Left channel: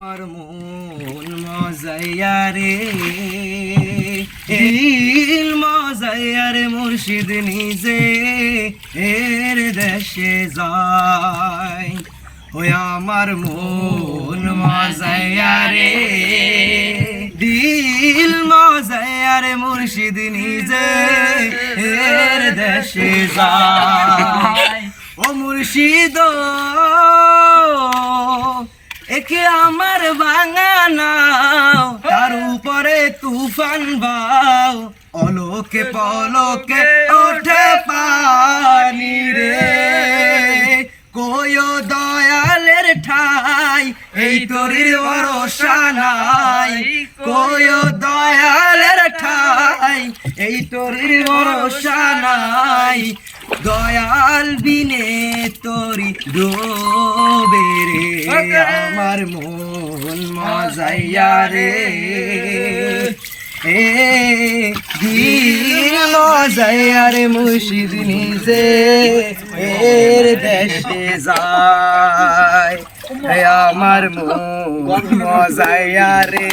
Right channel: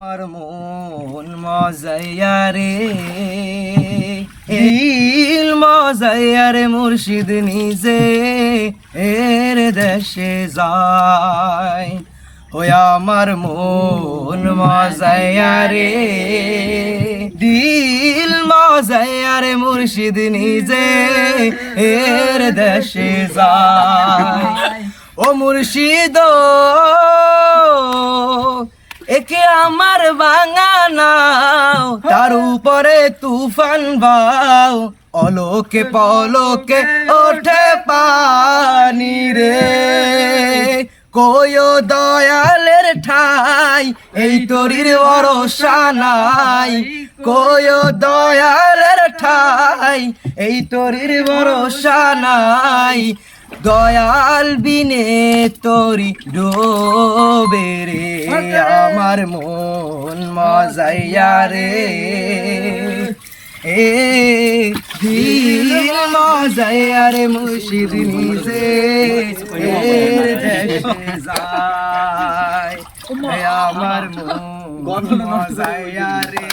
আমার মন মজাইয়া রে। দিল মজাইয়া রে মুর্শিদ নিজে এর দেশে যায়। ওই আমার মন মজাইয়া রে। দিল মজাইয়া রে মুর্শিদ নিজে এর দেশে যায়। ও মুর্শিদ একে আমার বাঙানাও তার উপরে তুফান বাও। অলোকে পলকে ওঠে পানি রে। কয় দয়ালের ঠাই, এই তরির ভরসা নাই। কয় দয়ালের ঠাই, এই তরির ভরসা নাই। দয়াল বিনে তরি রে। আমার মন মজাইয়া রে। এ দিল মজাইয়া রে মুর্শিদ নিজে, এর দেশে যায়। আমার মন মজাইয়া রে।